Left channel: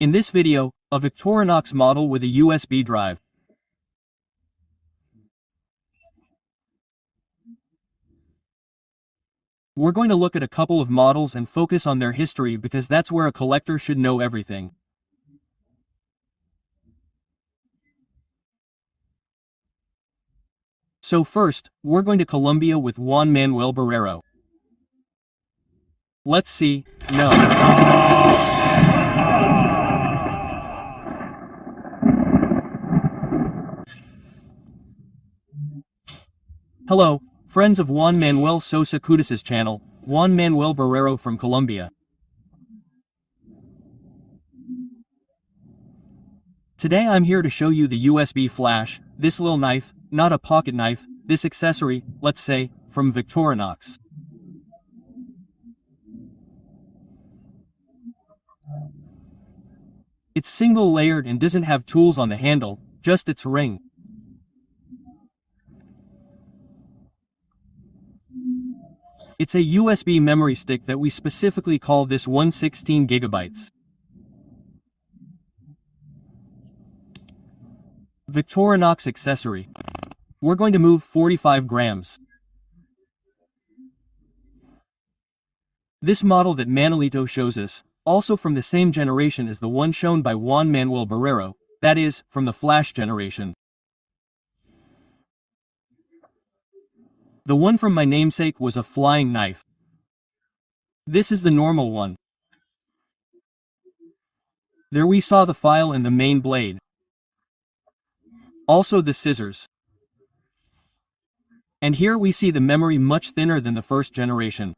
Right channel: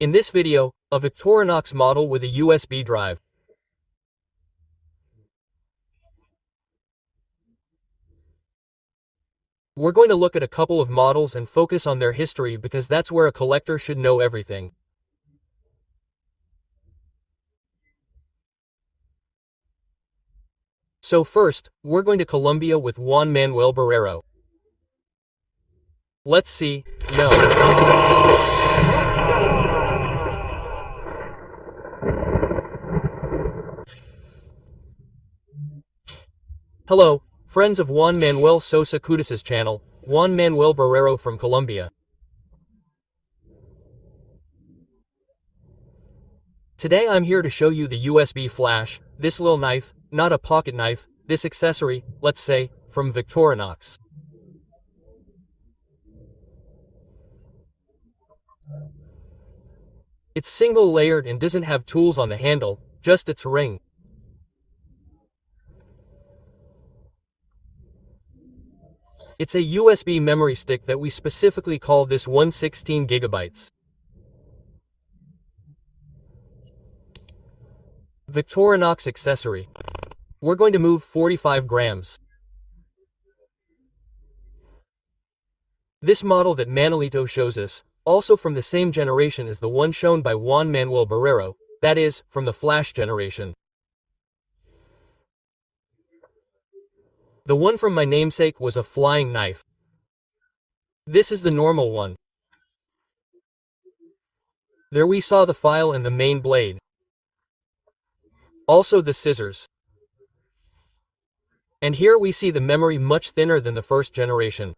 In this video, a Victorinox model with a USB drive. We're going to look at a couple of models and focus on their history because that's where a collector should know everything. So first, we're going to Colombia with Juan Manuel Barrero. Let's see. No. Hello, friends of Juan Manuel Sosa Licudis' channel, Juan Manuel Barrero from Colombia. Today I'm here to show you the USB flash, this little knife, not a pocket knife, this accessory, let's say, from Victorinox. It's single layered and doesn't have tools on the handle, just its ring. It's a USB memory stick that we specifically call this 116 gigabytes. Victorinox accessory. We're going to move 45 grams. This model that Manuelito shows us, also from the same generation as the one shown by Juan Manuel Barrero, that is, from the flash generation. The one from my namesake was a flying knife. This is the normal one. There we saw the file and the main blade. Also the scissors. And here we see the memory much thinner than the first generation.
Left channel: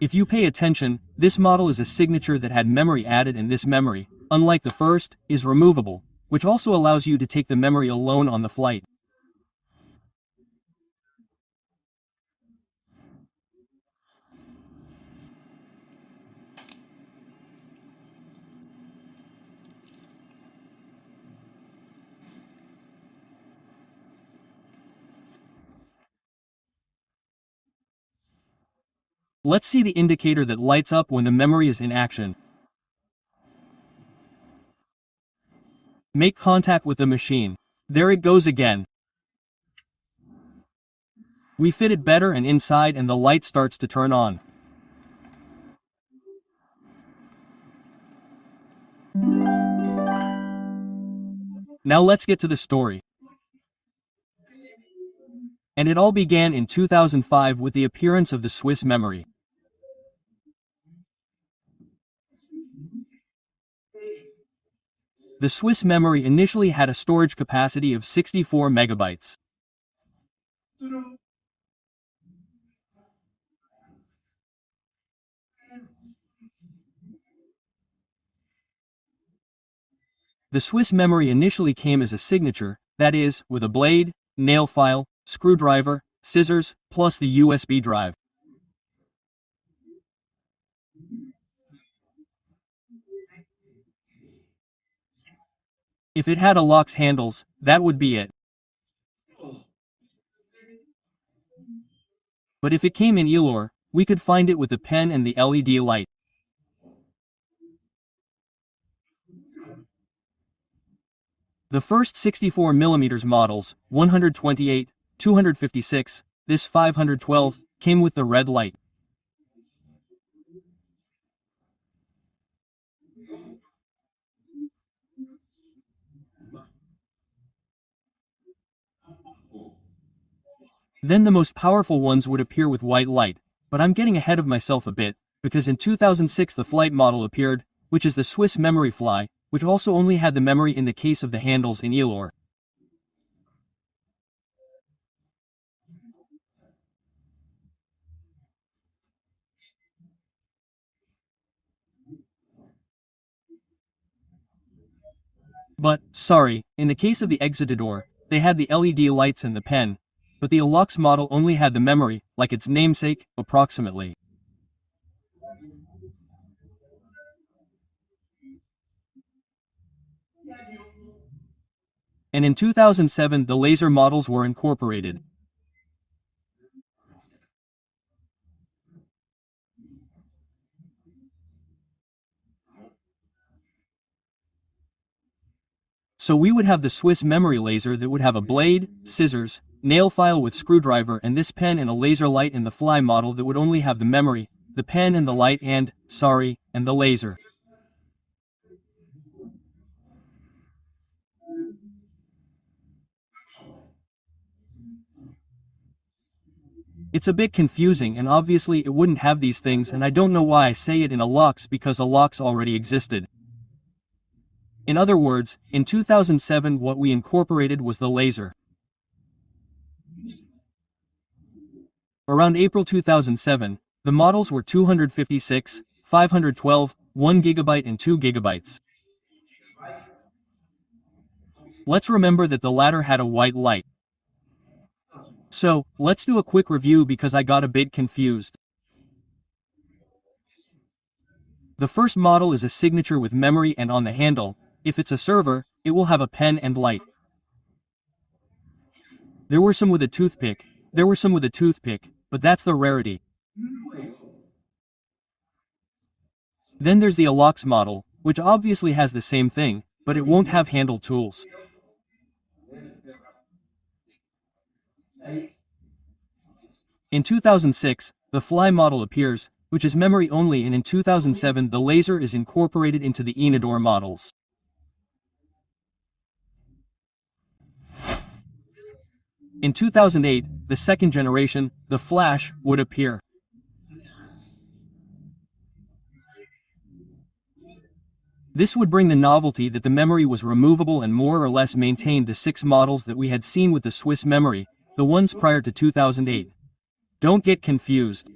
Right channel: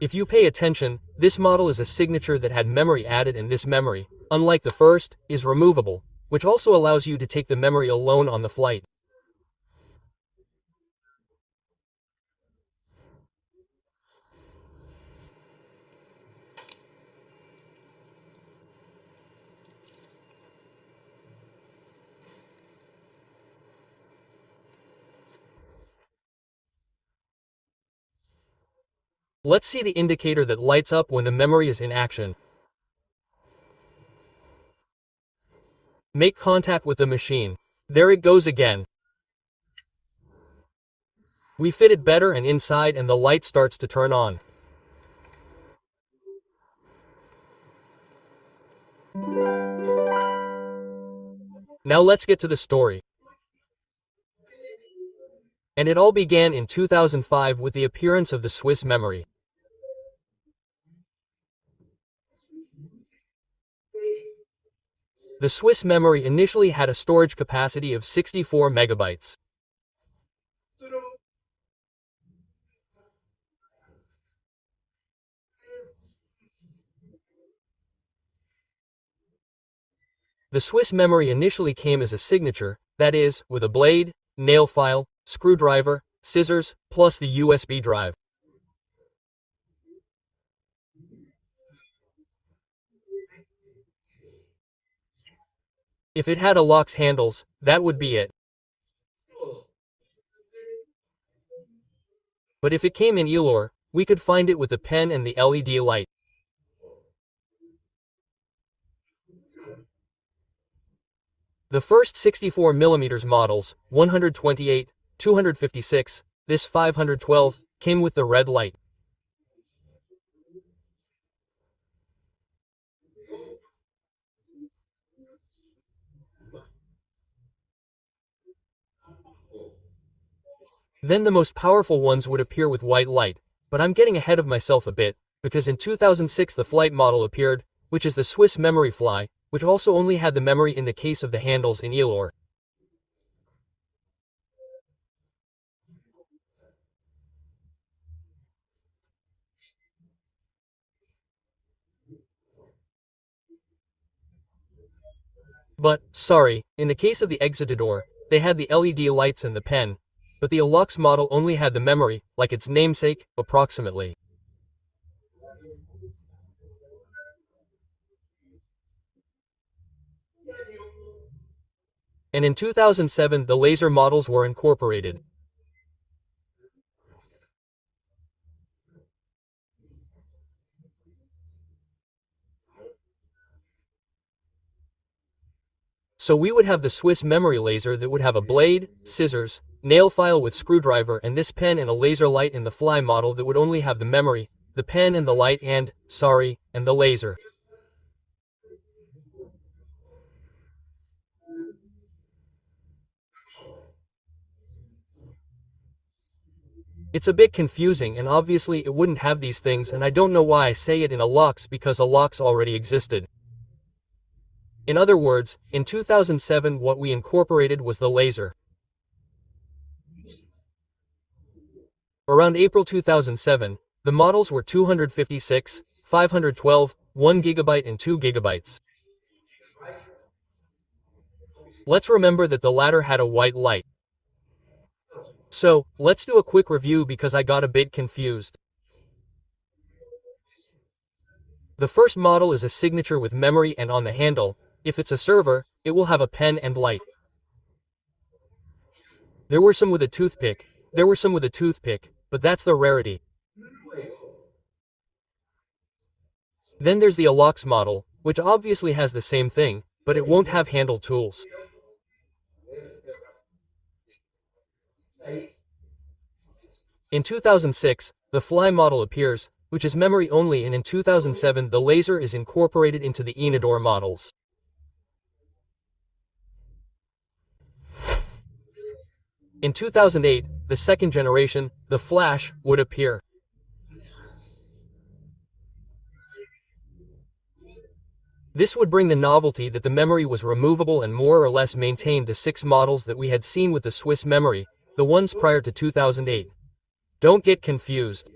If you pay attention, this model is a signature that had memory added, and this memory, unlike the first, is removable, which also allows you to take the memory alone on the flight. Let's see the indicator that lights up when the memory is in action. Make contact with the machine. There it goes again. We fit it better and inside, and the light starts to turn on. Now let's get to the story. And it all began in 2005 with the appearance of the Swiss memory. The Swiss memory initially had a storage capacity of 64 megabytes. The Swiss memory initially came as a signature, that is, with a blade, nail file, screwdriver, scissors, plus the USB drive. If it had Alox handles, that would be it. But if it came in Alox, we could find it with the pen and the LED light. The first 64mm models, 128, 256, this 512, came with the red light. Then the most powerful ones would appear with white light, but I'm getting ahead of myself a bit, because in 2006 the flight model appeared, which is the Swiss memory fly, which also only had the memory in the case of the handles in Alox. But, sorry, in the case of the Jetsetter, they had the LED lights and the pen, but the Alox model only had the memory, like its namesake, approximately. And in 2007 the laser models were incorporated. So we would have the Swiss memory laser that would have a blade, scissors, nail file with screwdriver, and this pen and a laser light in the Fly model that would only have the memory, the pen and the light and the laser. It's a bit confusing, and obviously it wouldn't have these things, and I don't know why I say it in Alox, because Alox already existed. In other words, in 2007 what we incorporated was the laser. Around April 2007, the models were 256, 512, 1 GB and 2 GB. Let's remember that the latter had a white light. So, let's do a quick review because I got a bit confused. The first model is a signature with memory, and on the handle, if it's a server, it will have a pen and light. There were some with a toothpick, but that's the rarity. Then there's the Alox model, which obviously has the same thing, but it won't have handle tools. In 2006, the Fly model appears, which is memory only, and in 2007 the laser is incorporated into the Enador models. In 2008, the second generation, the Flash, would appear. This would bring the novelty that the memory was removable and more or less maintained the 6 models that we had seen with the Swiss memory, the ones prior to 2008. Don't get confused.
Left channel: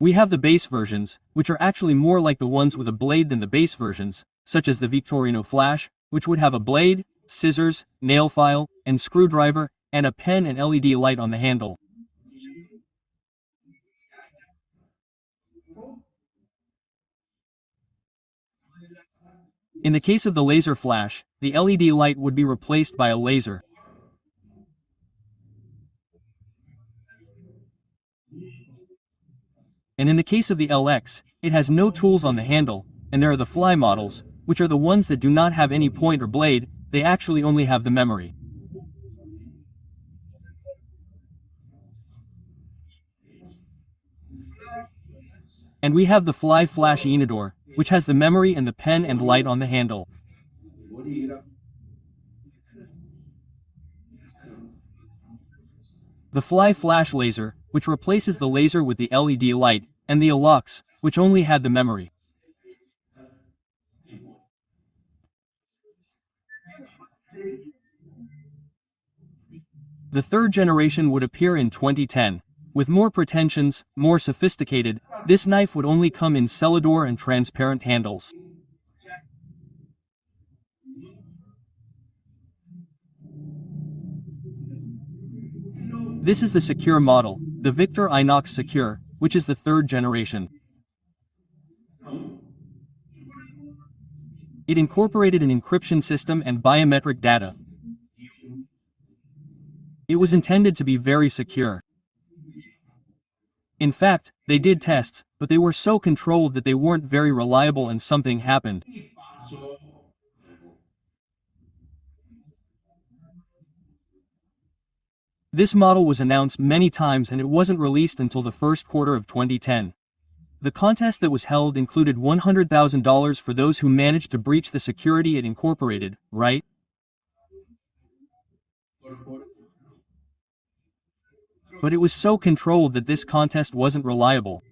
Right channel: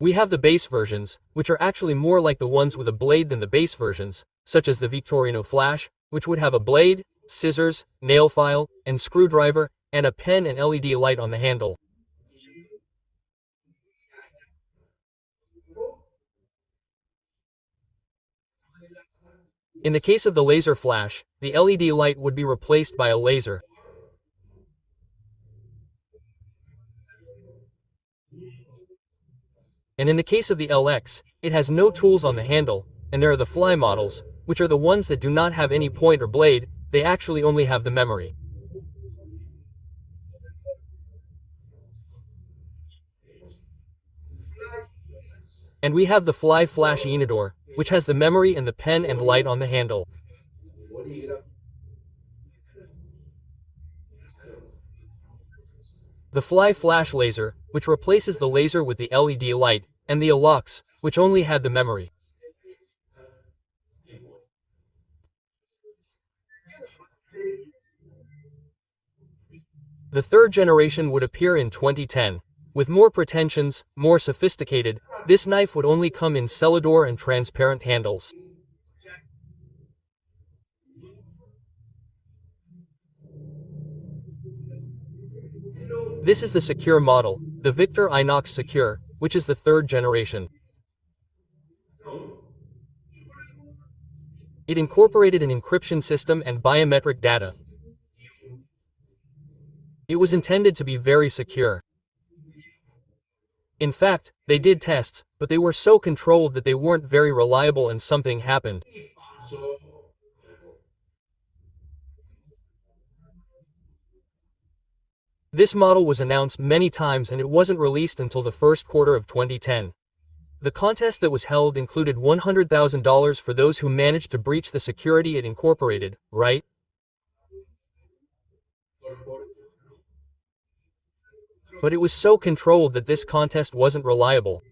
We have the base versions, which are actually more like the ones with a blade than the base versions, such as the Victorino Flash, which would have a blade, scissors, nail file, and screwdriver, and a pen and LED light on the handle. In the case of the laser flash, the LED light would be replaced by a laser. And in the case of the LX, it has no tools on the handle, and there are the Fly models, which are the ones that do not have any point or blade, they actually only have the memory. And we have the Fly Flash Enador, which has the memory and the pen and light on the handle. The Fly Flash Laser, which replaces the laser with the LED light, and the Alox, which only had the memory. The third generation would appear in 2010. With more pretensions, more sophisticated, this knife would only come in Celador and transparent handles. This is the secure model, the Victorinox Secure, which is the third generation. It incorporated an encryption system and biometric data. It was intended to be very secure. In fact, they did tests, but they were so controlled that they weren't very reliable and something happened. This model was announced many times and it wasn't released until the first quarter of 2010. The contest that was held included $100,000 for those who managed to breach the security it incorporated, right? But it was so controlled that this contest wasn't reliable.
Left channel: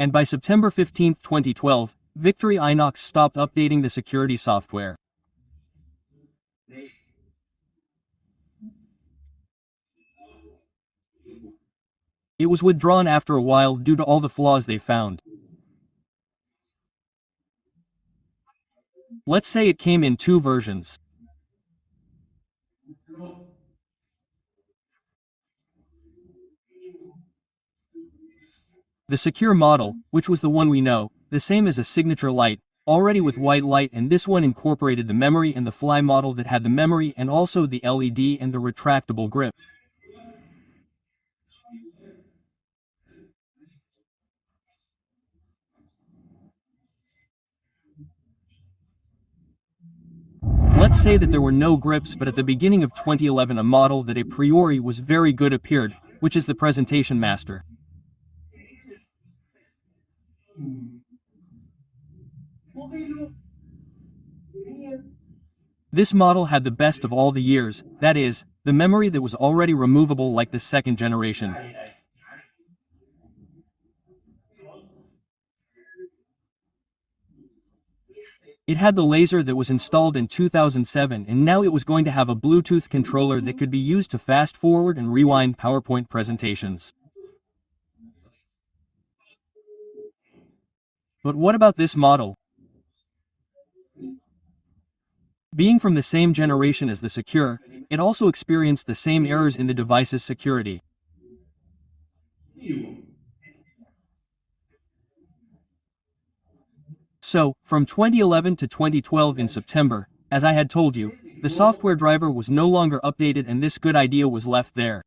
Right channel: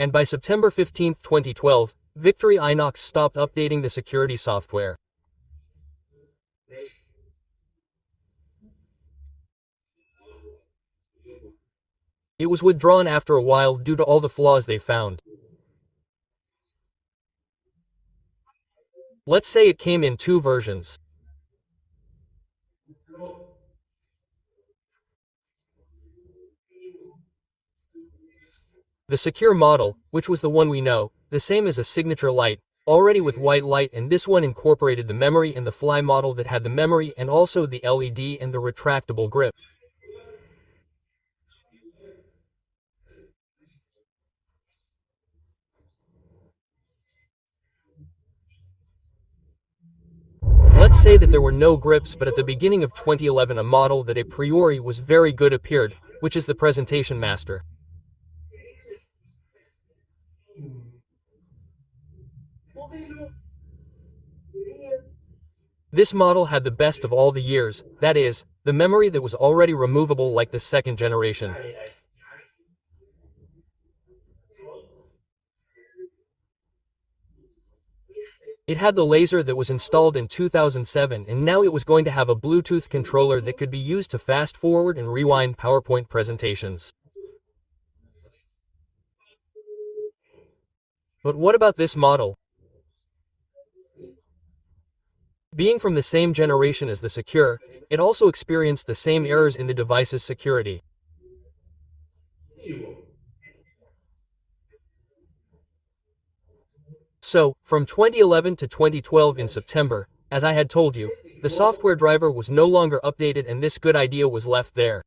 And by September 15, 2012, Victorinox stopped updating the security software. It was withdrawn after a while due to all the flaws they found. Let's say it came in 2 versions. The secure model, which was the one we know, the same as a signature light, already with white light, and this one incorporated the memory and the fly model that had the memory and also the LED and the retractable grip. Let's say that there were no grips, but at the beginning of 2011 a model that a priori was very good appeared, which is the Presentation Master. This model had the best of all the years, that is, the memory that was already removable like the second generation. It had the laser that was installed in 2007, and now it was going to have a Bluetooth controller that could be used to fast forward and rewind PowerPoint presentations. But what about this model? Being from the same generation as the Secure, it also experienced the same errors in the device's security. So, from 2011 to 2012 in September, as I had told you, the software driver was no longer updated and this good idea was left there.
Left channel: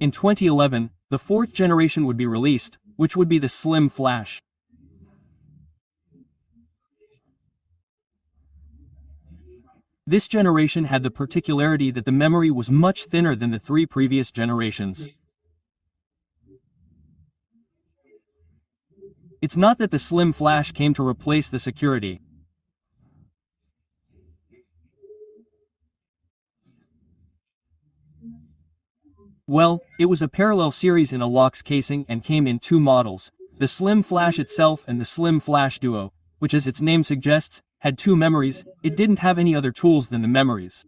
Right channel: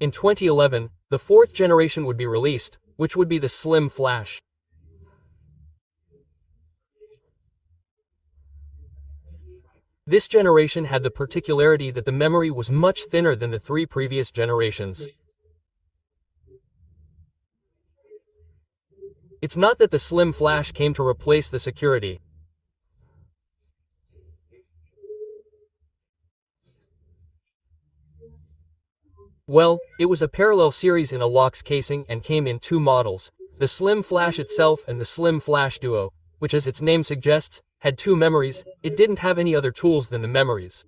In 2011, the fourth generation would be released, which would be the Slim Flash. This generation had the particularity that the memory was much thinner than the three previous generations. It's not that the Slim Flash came to replace the security. Well, it was a parallel series in Alox casing and came in two models, the Slim Flash itself and the Slim Flash Duo, which as its name suggests, had two memories. It didn't have any other tools than the memories.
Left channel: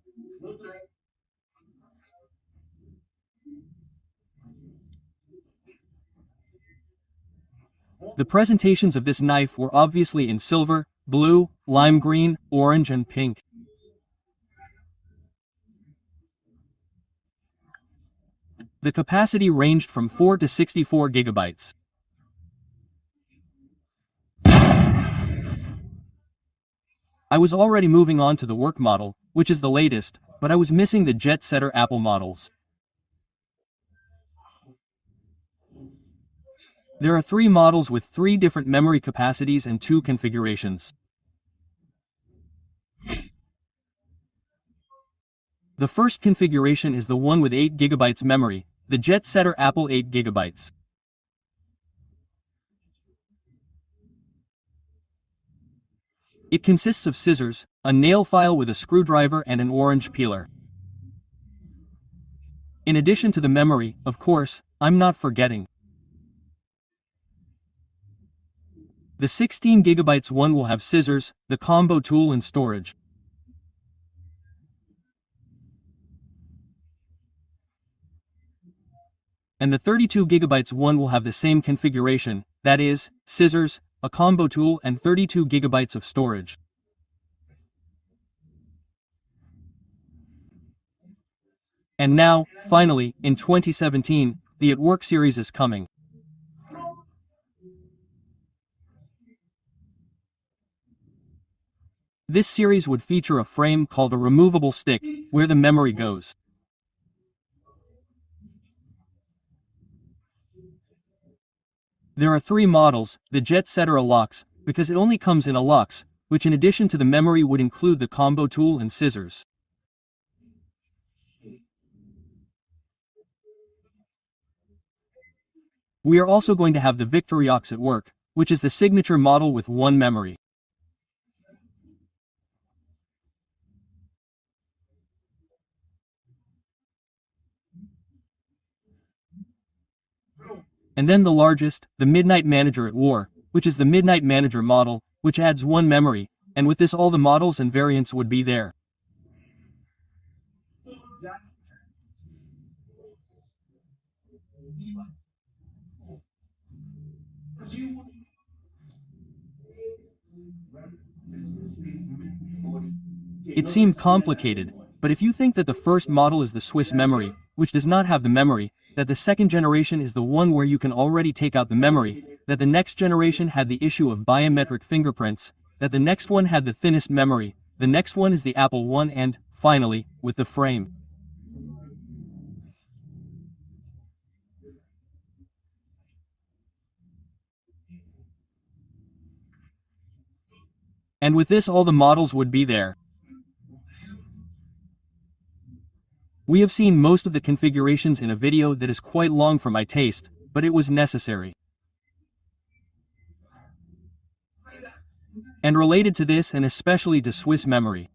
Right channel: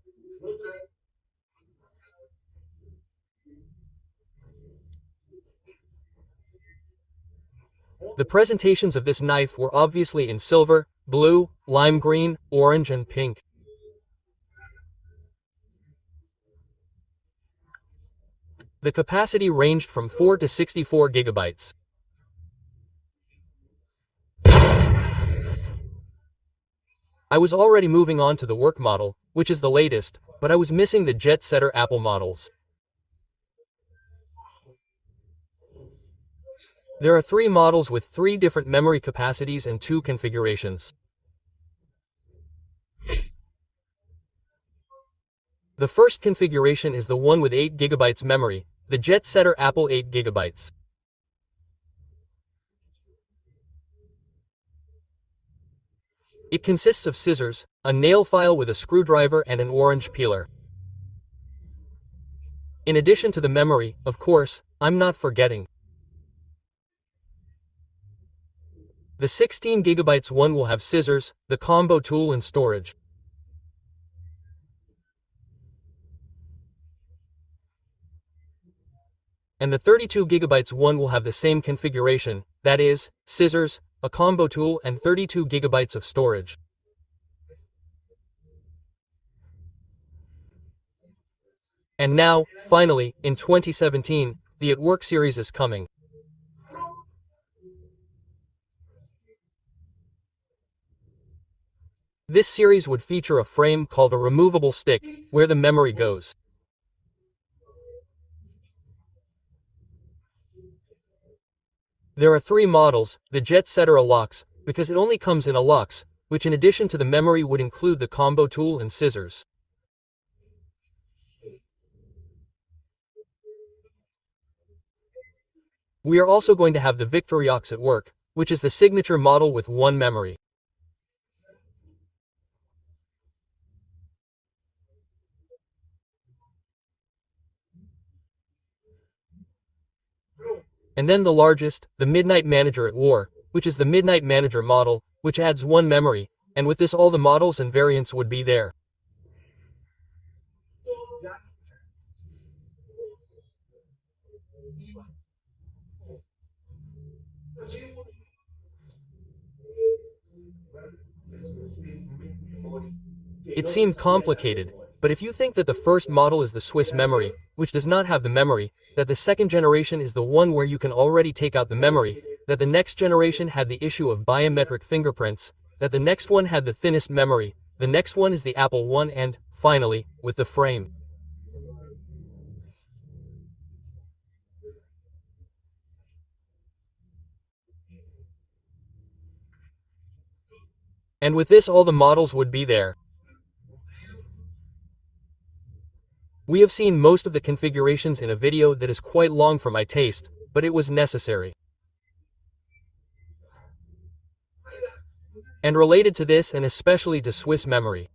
The presentations of this knife were obviously in silver, blue, lime green, orange and pink. The capacity ranged from 4 to 64 gigabytes. I was already moving on to the work model, which is the latest, but I was missing the Jetsetter Apple models. There are three models with three different memory capacities and two configurations. The first configuration is the one with 8 GB memory, the Jetsetter Apple 8 GB. It consists of scissors, a nail file with a screwdriver and an orange peeler. In addition to the memory, of course, I'm not forgetting. The 16 GB one will have scissors, the combo tool and storage. And the 32 GB one will have the same configuration, that is, scissors, a combo tool and 32 GB of storage. And now, finally, in 2017, the At Work series is coming. This series would feature a frame called a removable stick, where the memory goes. There are three models, the Jetsetter Alox, because it only comes in Alox, which in addition to the memory would include the combo tool and scissors. We are also going to have the Victorinox At Work, which is the signature model with one memory. And then the largest, the Midnight Manager at War, which is the Midnight Manager model, which adds one memory, and with this all the models and variants would be there. It seemed complicated, but if you think that the first model is the Swiss memory, which does not have the memory, that the second generation is the one where you can already take out the memory, that the next generation had the issue of biometric fingerprints, that the next one had the thinnest memory, the next one is the Apple One, and, finally, with the frame. And with this all the models would be there. We have seen most of the configurations in a video that is quite long for my taste, but it was necessary. And related to this and especially to Swiss memory.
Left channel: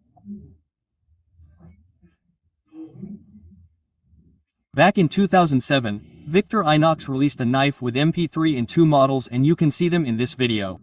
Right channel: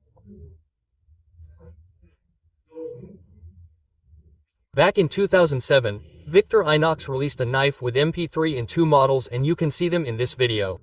Back in 2007, Victorinox released a knife with MP3 in 2 models, and you can see them in this video.